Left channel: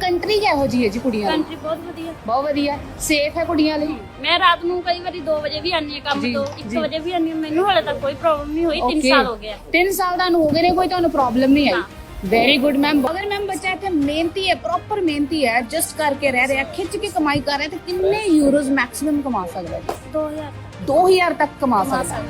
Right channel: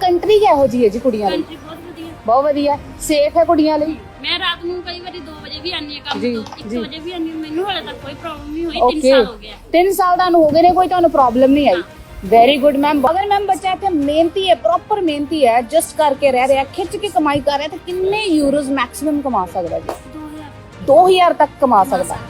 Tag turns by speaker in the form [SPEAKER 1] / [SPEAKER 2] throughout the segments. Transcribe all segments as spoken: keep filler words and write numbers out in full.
[SPEAKER 1] Country ਕਿਹੋ ਜੀ ਹੈ ਜੀ ਕੁੜੀਆਂ ਲਈ?
[SPEAKER 2] ਕੰਟਰੀ ਬਹੁਤ ਵਧੀਆ,
[SPEAKER 1] ਬਹੁਤ ਵਧੀਆ, ਸੇਫ ਹੈ ਕੁੜੀਆਂ ਲਈ।
[SPEAKER 2] ਮੈਂ ਰਾਤ ਨੂੰ ਕਈ ਵਾਰੀ ਦੋ ਵਜੇ ਵੀ ਆਨੀ ਆ ਕੰਮ
[SPEAKER 1] ਜੀ,
[SPEAKER 2] ਤੋਂ,
[SPEAKER 1] ਜੀ।
[SPEAKER 2] ਇੱਕ ਵਜੇ ਵੀ ਆਨੀ ਆ, ਮੈਨੂੰ ਹਾਲੇ ਤੱਕ ਕੋਈ ਪ੍ਰੋਬਲਮ ਨਹੀਂ ਹੋਈ। ਤਿੰਨ
[SPEAKER 1] Okay,
[SPEAKER 2] ਸਾਲ ਹੋ ਗਿਆ।
[SPEAKER 1] ਤਿੰਨ ਸਾਲ ਤੁਹਾਨੂੰ ਹੋ ਗਏ ਨੇ, ਕੋਈ ਤੁਹਾਨੂੰ ਪ੍ਰੋਬਲਮ ਨਹੀਂ ਆਈ।
[SPEAKER 2] ਹਾਂ।
[SPEAKER 1] Very good ma'am. ਅਗਰ ਮੈਮ ਬੱਚਾ ਇੱਥੇ ਮਿਹਨਤੀ ਹੈ, ਪ੍ਰੋਪਰ ਮਿਹਨਤੀ ਹੈ, ਜਸਟ ਕਰਕੇ ਰਹਿ ਰਿਹਾ, ਖਿੱਚ ਕੇ ਕਮਾਈ ਕਰ ਰਿਹਾ, ਤਾਂ ਕਿੰਨੇ ਯੂਰੋਜ਼ ਮੈਕਸਿਮਮ ਕਮਾ ਸਕਦਾ ਜੀ?
[SPEAKER 2] ਦੋ ਹਜ਼ਾਰ
[SPEAKER 1] ਦੋ ਹਜ਼ਾਰ ਤੱਕ ਕਮਾ
[SPEAKER 2] ਕਮਾ
[SPEAKER 1] ਸਕਦਾ।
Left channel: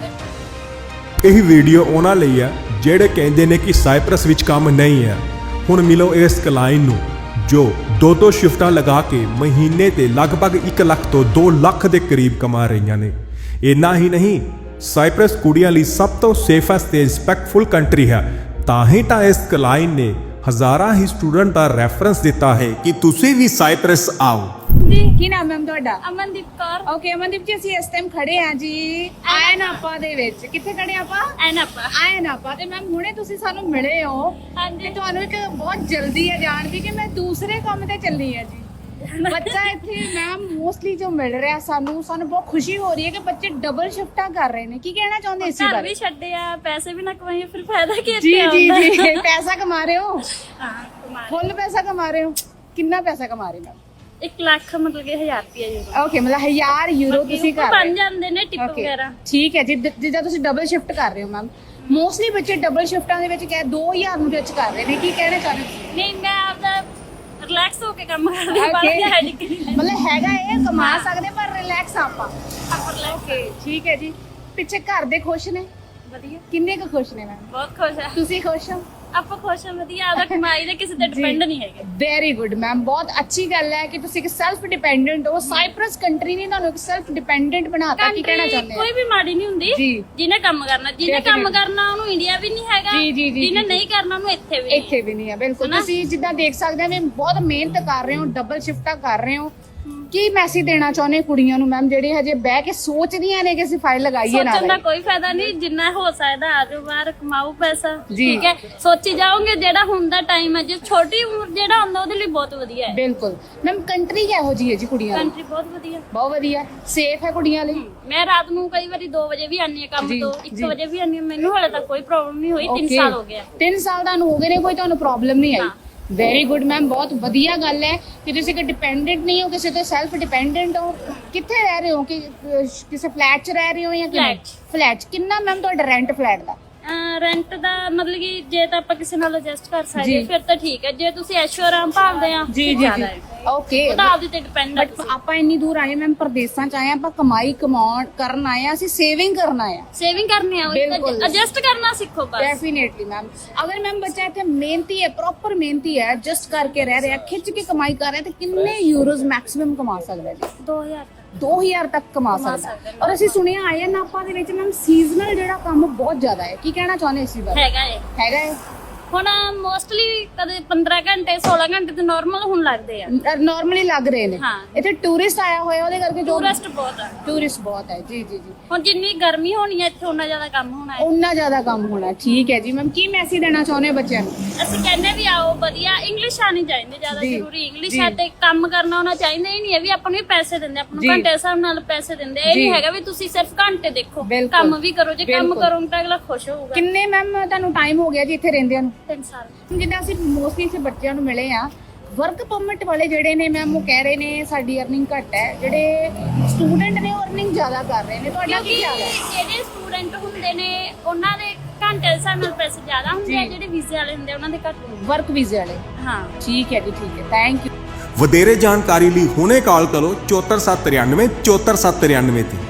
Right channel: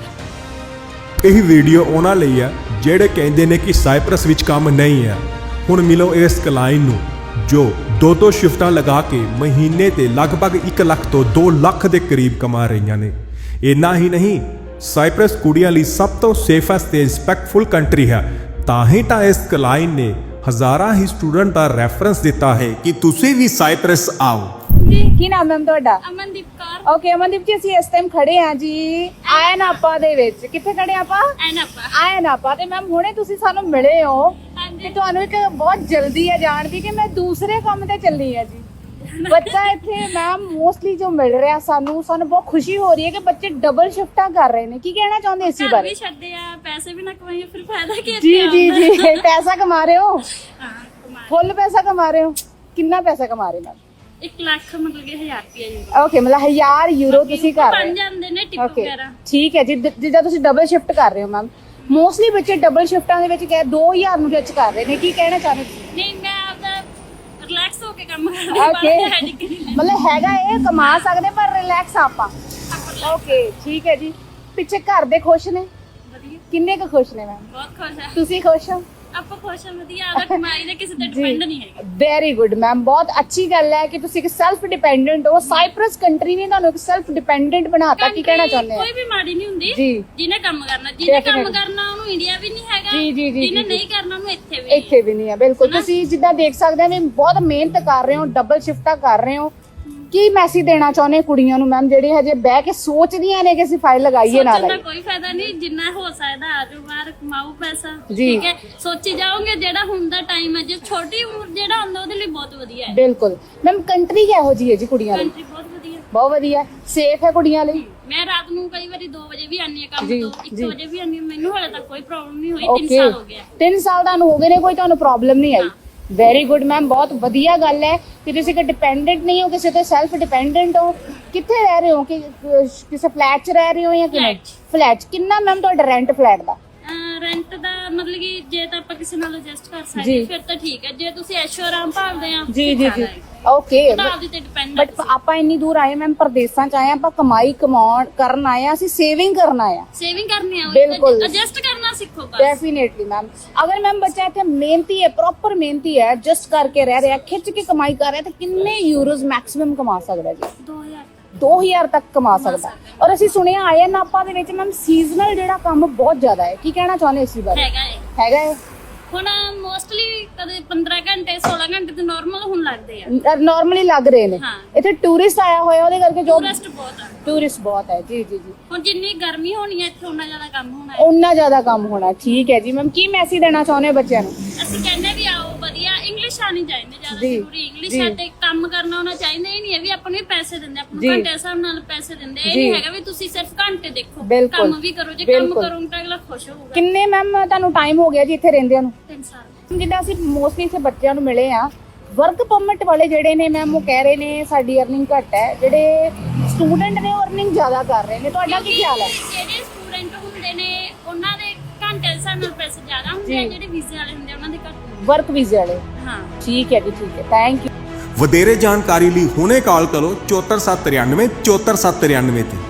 [SPEAKER 2] ਸਕਦਾ।
[SPEAKER 3] ਇਹ ਵੀਡੀਓ ਉਹਨਾਂ ਲਈ ਹੈ ਜਿਹੜੇ ਕਹਿੰਦੇ ਨੇ ਕਿ ਸਾਈਪਰਸ ਵਿੱਚ ਕੰਮ ਨਹੀਂ ਹੈ। ਹੁਣ ਮਿਲੋ ਇਸ ਕਲਾਇੰਟ ਨੂੰ ਜੋ ਦੋ ਦੋ ਸ਼ਿਫਟਾਂ ਲਗਾ ਕੇ ਮਹੀਨੇ ਤੇ ਲਗਭਗ ਇੱਕ ਲੱਖ ਤੋਂ ਦੋ ਲੱਖ ਦੇ ਕਰੀਬ ਕਮਾ ਰਹੀਆਂ ਨੇ। ਇੰਨਾ ਹੀ ਨਹੀਂ, ਸਾਈਪਰਸ ਕੁੜੀਆਂ ਲਈ ਸਭ ਤੋਂ ਸੇਫੈਸਟ ਤੇ ਰਿਸਪੈਕਟਫੁਲ ਕੰਟਰੀ ਹੈ। ਤਾਂ ਹੀ ਤਾਂ ਇਸ ਕਲਾਇੰਟ ਨੇ ਹਜ਼ਾਰਾਂ ਹੀ ਸਟੂਡੈਂਟ ਦਾ ਰੈਫਰੈਂਸ ਦਿੱਤਾ ਹੈ ਕਿ ਤੁਸੀਂ ਵੀ ਸਾਈਪਰਸ ਆਓ।
[SPEAKER 2] ਜੀ,
[SPEAKER 1] ਕੀ ਨਾਮ ਹੈ ਤੁਹਾਡਾ?
[SPEAKER 2] ਅਮਨਦੀਪ ਕੌਰ।
[SPEAKER 1] ਓਕੇ ਅਮਨਦੀਪ ਜੀ, ਅਸੀਂ ਇਸ ਟਾਈਮ ਖੜੇ ਹਾਂ ਜੀ ਐਨਆਪਾ ਦੇ ਵਿੱਚ। ਕਿੱਥੇ ਖੜੇ ਹਾਂ ਆਪਾਂ?
[SPEAKER 2] ਐਨਆਪਾ।
[SPEAKER 1] ਐਨਆਪਾ। ਤੇ ਮੈਮ ਹੁਣੇ ਤੁਸੀਂ ਸਾਨੂੰ ਮਿਲੇ ਹੋ
[SPEAKER 2] ਹਾਂਜੀ।
[SPEAKER 1] ਤੇ ਤੁਹਾਨੂੰ ਇੱਕ ਬਹੁਤ ਜਲਦੀ ਹੈ ਜਾਣ ਦੀ ਕਿ ਮੈਂ ਦੂਸਰੇ ਕੰਮ ਤੇ ਚੱਲੀ ਹਾਂ ਜੀ। ਬੱਚਾ ਇੱਥੇ ਮੈਮ ਮੋਸਟਲੀ ਜੋ ਮਿਲ ਰਿਹਾ ਸਾਨੂੰ ਸਾਨੂੰ ਬਹੁਤ ਖੁਸ਼ੀ ਹੋ ਰਹੀ ਹੈ ਕਿ ਬੱਚੇ ਡਬਲ ਸ਼ਿਫਟਾਂ ਕਰ ਰਹੇ ਨੇ। ਕੀ ਕਹਿਣਾ ਚਾਹੁੰਦੇ ਇਸ
[SPEAKER 2] ਘਰ
[SPEAKER 1] ਬਾਰੇ?
[SPEAKER 2] ਵੀ ਛੱਡੇ ਆ, ਪੈਸੇ ਵੀ ਨਾ ਕਮਾਈਏ, ਫਿਰ ਫਾਇਦਾ ਕੀ
[SPEAKER 1] ਜੀ
[SPEAKER 2] ਇੱਥੇ
[SPEAKER 1] ਜੀ
[SPEAKER 2] ਆਉਣ ਦਾ?
[SPEAKER 1] ਜੀ ਪੈਸਾ ਕਮਾ ਰਹੇ ਹੋ,
[SPEAKER 2] ਹਾਂ, ਕਮਾ
[SPEAKER 1] ਫੁੱਲ ਪੈਸਾ ਕਮਾ ਰਹੇ ਹੋ। ਕਿੰਨਾ ਪੈਸਾ ਕਮਾ ਰਹੇ ਮੈਮ?
[SPEAKER 2] ਇੱਕ ਲੱਖ ਮਤਲਬ ਕਿ ਹਜ਼ਾਰ ਰੁਪਇਆ ਯੂਰੋ।
[SPEAKER 1] ਓਕੇ, ਮਤਲਬ ਹਜ਼ਾਰ ਯੂਰੋ ਤੁਸੀਂ ਕਰ ਰਹੇ
[SPEAKER 2] ਬਣ ਜਾਂਦੇ ਨੇ ਟਿਪ
[SPEAKER 1] Okay,
[SPEAKER 2] ਵਗੈਰਾ।
[SPEAKER 1] ਠੀਕ ਹੈ ਜੀ। ਜਿ- ਜਿੱਦਾਂ ਤੁਸੀਂ ਡਬਲ ਸ਼ਿਫਟ ਕਰ ਰਹੇ ਹੋ ਮੈਮ, ਮੋਸਟਲੀ ਬੱਚੇ ਡਬਲ ਸ਼ਿਫਟਾਂ ਦੇ ਵਿੱਚ ਕਹਿ ਦੋ ਹਜ਼ਾਰ ਨੂੰ ਜੱਜ ਕਰ ਰਹੇ ਨੇ। ਕੀ ਕਹਿਣਾ ਚਾਹੁੰਦੇ ਤੁਸੀਂ?
[SPEAKER 2] ਨਹੀਂ, ਮੈਂ ਆਪਦਾ ਰਿਲੈਕਸ ਹੋ ਕੇ ਕੰਮ ਕਰਦੀ ਹਾਂ,
[SPEAKER 1] Okay,
[SPEAKER 2] ਬਾਹਰ ਹੈਡਿਕ ਨਹੀਂ ਲੈਂਦੀ।
[SPEAKER 1] ਮਤਲਬ ਹੈਗਾ ਇਹ ਕਮਾ ਸਕਦੇ ਪਰ ਰਿਲੈਕਸ ਆਪਾਂ।
[SPEAKER 2] ਆਪਾਂ relax
[SPEAKER 1] ਓਕੇ, ਠੀਕ ਹੈ ਜੀ। ਪਿੱਛੇ ਘਰ ਦੇ ਖੁਸ਼ ਨੇ?
[SPEAKER 2] ਵਧੀਆ,
[SPEAKER 1] ਕਿੰਨੇ ਕੁ ਖੁਸ਼ ਨੇ ਮੈਮ?
[SPEAKER 2] ਬਹੁਤ ਖੁਸ਼ ਆ।
[SPEAKER 1] ਤੁਸੀਂ ਖੁਸ਼ ਹੋ?
[SPEAKER 2] ਆਪਾਂ ਖੁਸ਼ ਆ, ਵਧੀਆ। ਆਪਦਾ ਕਮਾਈ ਦੇ ਕਿਸੇ ਤੇ ਡਿਪੈਂਡ ਨਹੀਂ ਹੈਗੇ।
[SPEAKER 1] ਵੈਰੀ ਗੁੱਡ ਮੈਮ, ਬਹੁਤ ਅੱਛੀ ਗੱਲ ਹੈ ਕਿ ਤੁਸੀਂ ਇੱਕ ਸੈਲਫ ਡਿਪੈਂਡੈਂਟ ਹੋ। ਸਾਈਪਰਸ ਕੰਟਰੀ ਨੇ ਤੁਹਾਨੂੰ ਇੱਕ ਸੈਲਫ ਡਿਪੈਂਡੈਂਟ ਬਣਾਤਾ। ਕੀ ਕਹਿਣਾ
[SPEAKER 2] ਕੰਟਰੀ
[SPEAKER 1] ਚਾਹੁੰਦੇ
[SPEAKER 2] ਕੋਈ
[SPEAKER 1] ਹੋ?
[SPEAKER 2] ਵੀ ਮਾੜੀ ਨਹੀਂ ਹੁੰਦੀ,
[SPEAKER 1] ਜੀ।
[SPEAKER 2] ਜਿਹਨੇ ਕੰਮ ਕਰਨਾ। ਜਿਹਨੇ ਕੰਮ
[SPEAKER 1] Definitely.
[SPEAKER 2] ਕਰਨਾ ਉਹਨੂੰ ਇੰਡੀਆ ਵੀ ਨਹੀਂ ਹੈਗਾ,
[SPEAKER 1] ਜੀ, ਜੀ, ਜੀ,
[SPEAKER 2] ਜਿਹਨੇ
[SPEAKER 1] ਜੀ,
[SPEAKER 2] ਨਹੀਂ ਕਰਨਾ ਉਹਨੂੰ ਇੱਥੇ ਵੀ ਨਹੀਂ।
[SPEAKER 1] ਇੱਥੇ ਵੀ ਨਹੀਂ ਹੈ। ਬਿਲਕੁਲ,
[SPEAKER 2] ਹਨਾ?
[SPEAKER 1] ਤੁਸੀਂ ਜਿੱਦਾਂ ਦੇਖ ਸਕਦੇ ਹੋ ਵੀ ਬਹੁਤ ਮਿਹਨਤ ਕਰ ਰਹੇ ਹੋ, ਡਬਲ ਸ਼ਿਫਟਾਂ ਕਰ ਰਹੇ ਹੋ। ਕੀ ਮੈਸੇਜ ਦੇਣਾ ਚਾਹੁੰਦੇ ਹੋ ਕੁੜੀਆਂ ਨੂੰ ਮੈਮ ਜਿਹੜੇ ਹਜੇ ਬਹਿ ਕੇ ਸੋਚਦੀਆਂ ਨੇ ਕਿ ਅਸੀਂ ਫਾਈਲ ਲਗਾਈਏ ਨਾ
[SPEAKER 2] ਸੋਚਣ ਦਾ
[SPEAKER 1] ਲਗਾਈਏ?
[SPEAKER 2] ਕੋਈ ਫਾਇਦਾ ਨਹੀਂ, ਜਿੰਨਾ ਹੋ ਸਕਦਾ ਆਜੋ ਬਾਹਰ ਕਮਾਓ ਪੈਸਾ।
[SPEAKER 1] ਜੀ।
[SPEAKER 2] ਠੀਕ ਹੈ, ਸੋਚੀ ਜਾਓਗੇ ਜਿਹੜਾ ਹੁਣ ਦਾ ਟਾਈਮ ਹੈ, ਜੇ ਛੋਟੀ ਉਮਰ ਜਿਹੜਾ ਹੁੰਦਾ ਉਹਦੇ ਲਈ ਬਹੁਤ ਵਧੀਆ ਹੈ।
[SPEAKER 1] ਬਿਲਕੁਲ ਮੈਮ। ਕੰਟਰੀ ਕਿਹੋ ਜੀ ਹੈ ਜੀ ਕੁੜੀਆਂ ਲਈ?
[SPEAKER 2] ਕੰਟਰੀ ਬਹੁਤ ਵਧੀਆ,
[SPEAKER 1] ਬਹੁਤ ਵਧੀਆ, ਸੇਫ ਹੈ ਕੁੜੀਆਂ ਲਈ।
[SPEAKER 2] ਮੈਂ ਰਾਤ ਨੂੰ ਕਈ ਵਾਰੀ ਦੋ ਵਜੇ ਵੀ ਆਨੀ ਆ ਕੰਮ
[SPEAKER 1] ਜੀ,
[SPEAKER 2] ਤੋਂ, ਇੱਕ
[SPEAKER 1] ਜੀ।
[SPEAKER 2] ਵਜੇ ਵੀ ਆਨੀ ਆ, ਮੈਨੂੰ ਹਾਲੇ ਤੱਕ ਕੋਈ ਪ੍ਰੋਬਲਮ ਨਹੀਂ ਹੋਈ। ਤਿੰਨ
[SPEAKER 1] Okay,
[SPEAKER 2] ਸਾਲ ਹੋ ਗਿਆ।
[SPEAKER 1] ਤਿੰਨ ਸਾਲ ਤੁਹਾਨੂੰ ਹੋ ਗਏ ਨੇ, ਕੋਈ ਤੁਹਾਨੂੰ ਪ੍ਰੋਬਲਮ ਨਹੀਂ ਆਈ।
[SPEAKER 2] ਹਾਂ।
[SPEAKER 1] ਵੈਰੀ ਗੁੱਡ ਮੈਮ, ਬਹੁਤ ਵਧੀਆ ਗੱਲ ਹੈ ਕਿ ਤੁਸੀਂ ਕਿ ਡਿਪੈਂਡੈਂਟ ਨਹੀਂ ਹੋ, ਕਿਸੇ ਤੋਂ ਸੈਲਫ ਡਿਪੈਂਡੈਂਟ ਹੋ। ਕਿੱਥੇ ਰਹਿ ਰਹੇ ਹੋ? ਕਿ ਅਹ, ਕਿਸੇ ਫਲੈਟ 'ਚ ਰਹਿ ਰਹੇ ਹੋ ਜਾਂ
[SPEAKER 2] Flat 'ਚ।
[SPEAKER 1] ਫਲੈਟ 'ਚ? ਕਿੰਨਾ ਮੈਮ ਤੁਹਾਡਾ ਰੈਂਟ ਫਲੈਟ ਦਾ?
[SPEAKER 2] ਰੈਂਟ ਦਾ ਮਤਲਬ ਕਿ ਜੇ ਤਾਂ ਆਪਾਂ ਕਿਸੇ ਨਾਲ ਐਡਜਸਟ ਕਰ
[SPEAKER 1] ਜੀ।
[SPEAKER 2] ਸਕਦੇ ਫਿਰ ਤਾਂ ਠੀਕ ਹੈ, ਜੇ ਤੁਸੀਂ ਐਸ਼ੋ ਆਰਾਮ ਭਾਲਦੇ ਆ
[SPEAKER 1] ਜੀ
[SPEAKER 2] ਫਿਰ
[SPEAKER 1] ਜੀ
[SPEAKER 2] ਜ਼ਿਆਦਾ
[SPEAKER 1] ਜੀ
[SPEAKER 2] ਹੈ।
[SPEAKER 1] ਓਕੇ।
[SPEAKER 2] ਉਹ ਤਾਂ ਆਪਦੇ ਤੇ ਡਿਪੈਂਡ ਹੈ
[SPEAKER 1] ਬਟ
[SPEAKER 2] ਤੁਸੀਂ।
[SPEAKER 1] ਆਪਾਂ ਇੰਨੀ ਦੂਰ ਆਏ ਮੈਮ, ਪ੍ਰਦੇਸਾਂ 'ਚ ਆਏ ਹਾਂ, ਆਪਾਂ ਕਮਾਈ ਕਮਾਉਣ ਕਰਨ ਆਏ ਹਾਂ, ਅਸੀਂ ਸੇਵਿੰਗ ਕਰਨ ਆਏ ਹਾਂ।
[SPEAKER 2] ਸੇਵਿੰਗ ਕਰਨੀ ਆ,
[SPEAKER 1] ਬਿਲਕੁਲ।
[SPEAKER 2] ਐਡਜਸਟ ਕਰਨਾ ਸਿੱਖੋ ਬਸ।
[SPEAKER 1] Definitely ma'am. ਅਗਰ ਮੈਮ ਬੱਚਾ ਇੱਥੇ ਮਿਹਨਤੀ ਹੈ, ਪ੍ਰੋਪਰ ਮਿਹਨਤੀ ਹੈ, ਜਸਟ ਕਰਕੇ ਰਹਿ ਰਿਹਾ, ਖਿੱਚ ਕੇ ਕਮਾਈ ਕਰ ਰਿਹਾ, ਤਾਂ ਕਿੰਨੇ ਯੂਰੋਜ਼ ਮੈਕਸਿਮਮ ਕਮਾ ਸਕਦਾ ਜੀ?
[SPEAKER 2] ਦੋ ਹਜ਼ਾਰ
[SPEAKER 1] ਦੋ ਹਜ਼ਾਰ ਤੱਕ ਕਮਾ
[SPEAKER 2] ਕਮਾ
[SPEAKER 1] ਸਕਦਾ।
[SPEAKER 2] ਸਕਦਾ।
[SPEAKER 1] ਔਰ ਅਸੀਂ ਸੁਣਿਆ ਆਇਆ ਨਾਪਾ ਦੇ ਵਿੱਚ ਮੈਮ ਸੀਜ਼ਨਲ ਜਿਹੜਾ ਕੰਮ ਬਹੁਤ ਜ਼ਿਆਦਾ ਹੈ। ਕੀ ਕਹਿਣਾ ਚਾਹੁੰਦੇ ਇਸ ਬਾਰੇ?
[SPEAKER 2] ਹੈਗਾ ਏ।
[SPEAKER 1] ਹੈਗਾ ਹੈ।
[SPEAKER 2] ਹੁਣ ਮੋਸਟਲੀ ਕਦੇ ਪੰਦਰਾਂ ਘੰਟੇ ਸੋਲਾਂ ਘੰਟੇ ਤੇ ਨਾਰਮਲ ਹੁਣ ਲੱਗਦੇ ਆ।
[SPEAKER 1] ਨਾਰਮਲੀ ਲੱਗ ਰਹੇ ਨੇ।
[SPEAKER 2] ਹਾਂ।
[SPEAKER 1] ਇੱਥੇ ਟੂਰਿਸਟ ਆਇਆ ਹੋਇਆ, ਉਹਦੇ ਕਰਕੇ ਜੋ
[SPEAKER 2] ਟੂਰਿਸਟ ਬਹੁਤ ਆ।
[SPEAKER 1] ਟੂਰਿਸਟ ਬਹੁਤ ਹੈ। ਜੀ ਜੀ ਜੀ।
[SPEAKER 2] ਹੁਣ ਜਿੰਨੀ ਗਰਮੀ ਹੋਣੀ ਹੈ ਇੱਥੇ ਉਨਾ ਜ਼ਿਆਦਾ ਕੰਮ ਹੋਣਾ ਹੈ।
[SPEAKER 1] ਉਨਾ ਜ਼ਿਆਦਾ ਕੰਮ ਹੋਣਾ। ਠੀਕ ਹੈ ਜੀ ਮੈਮ। ਕੀ ਮੈਸੇਜ ਦੇਣਾ ਚਾਹੁੰਦੇ ਹੋ ਬੱਚਿਆਂ ਨੂੰ?
[SPEAKER 2] ਅਸੀਂ ਕਹਿੰਦੇ ਵੀ ਆਓ, ਵਧੀਆ ਇੰਗਲਿਸ਼ ਆਣੀ ਚਾਹੀਦੀ, ਜ਼ਿਆਦਾ
[SPEAKER 1] ਜੀ,
[SPEAKER 2] ਜ਼ਰੂਰੀ ਇੰਗਲਿਸ਼
[SPEAKER 1] ਜੀ।
[SPEAKER 2] ਆ। ਤੇ ਕੰਮ ਕਰਨਾ ਹੋਣਾ ਚਾਹੀਦਾ। ਇਹ ਨਹੀਂ ਹੈ ਵੀ ਆਪਾਂ ਨੂੰ ਵੀ ਪੈਸੇ ਦਿੰਦੇ, ਆਪਾਂ
[SPEAKER 1] ਜੀ।
[SPEAKER 2] ਨੂੰ ਘੰਟੇ ਦੇ ਹਿਸਾਬ ਨਾਲ ਪੈਸੇ ਦਿੰਦੇ। ਇਹ
[SPEAKER 1] ਜੀ।
[SPEAKER 2] ਨਹੀਂ ਹੈਗਾ ਵੀ ਤੁਸੀਂ ਸਿਰਫ ਘੰਟੇ ਦੇਖੋ,
[SPEAKER 1] ਬਿਲਕੁਲ।
[SPEAKER 2] ਕੰਮ ਵੀ ਕਰੋ। ਜੇ ਕੰਮ
[SPEAKER 1] ਬਿਲਕੁਲ।
[SPEAKER 2] ਕਰੋਗੇ ਤਾਂ ਅਗਲਾ ਖੁਸ਼ ਹੋਊਗਾ।
[SPEAKER 1] ਕਿੰਨੇ ਮੈਮ ਤੁਹਾਨੂੰ ਟਾਈਮ ਹੋ ਗਿਆ ਜੀ ਇੱਥੇ ਰਹਿੰਦਿਆਂ ਨੂੰ?
[SPEAKER 2] ਤਿੰਨ ਸਾਲ।
[SPEAKER 1] ਜਿੱਦਾਂ ਅਸੀਂ ਮੋਸਟਲੀ ਇੱਥੇ ਬੱਚਿਆਂ ਨੂੰ ਮਿਲੇ ਆ, ਵਰਕ ਪਰਮਿਟ ਵਾਲੇ ਜਿਹੜੇ ਨੇ ਮੈਮ ਉਹ ਕਹਿ ਰਹੇ ਨੇ ਸਾਡੀ ਅਰਨਿੰਗ ਘੱਟ ਹੈ, ਜਿਹੜੇ ਸਟੂਡੈਂਟ ਨੇ ਉਹ ਅਰਨਿੰਗ ਜ਼ਿਆਦਾ ਕਰ ਰਹੇ ਨੇ। ਤੁਹਾਡਾ ਕੀ
[SPEAKER 2] ਕਿਉਂਕਿ
[SPEAKER 1] ਖਿਆਲ ਹੈ?
[SPEAKER 2] ਜਿਹੜੇ ਸਟੂਡੈਂਟ ਹੁੰਦੇ ਨੇ ਉਹਨਾਂ ਦੇ ਘੰਟੇ ਦੇ ਹਿਸਾਬ ਨਾਲ ਪੈਸੇ ਜ਼ਿਆਦਾ ਹੁੰਦੇ ਆ,
[SPEAKER 1] ਜੀ।
[SPEAKER 2] ਜਿਹੜੇ ਵੀਜ਼ੇ ਵਾਲੇ ਹੁੰਦੇ ਆ ਉਹਨਾਂ ਦੇ ਘੱਟ ਹੁੰਦੇ
[SPEAKER 1] ਵਰਕ ਵੀਜ਼ੇ ਵਾਲੇ।
[SPEAKER 2] ਆ। ਹਾਂ।
[SPEAKER 1] ਠੀਕ ਹੈ ਜੀ, ਠੀਕ ਹੈ। Thank you.
[SPEAKER 3] ਵਧੇਰੇ ਜਾਣਕਾਰੀ ਲਈ ਹੁਣੇ ਕਾਲ ਕਰੋ ਚੌਹੱਤਰ ਸੱਤ ਤ੍ਰਿਆਨਵੇਂ ਚੌਹੱਤਰ ਸੱਤ ਤ੍ਰਿਆਨਵੇਂ ਤੇ।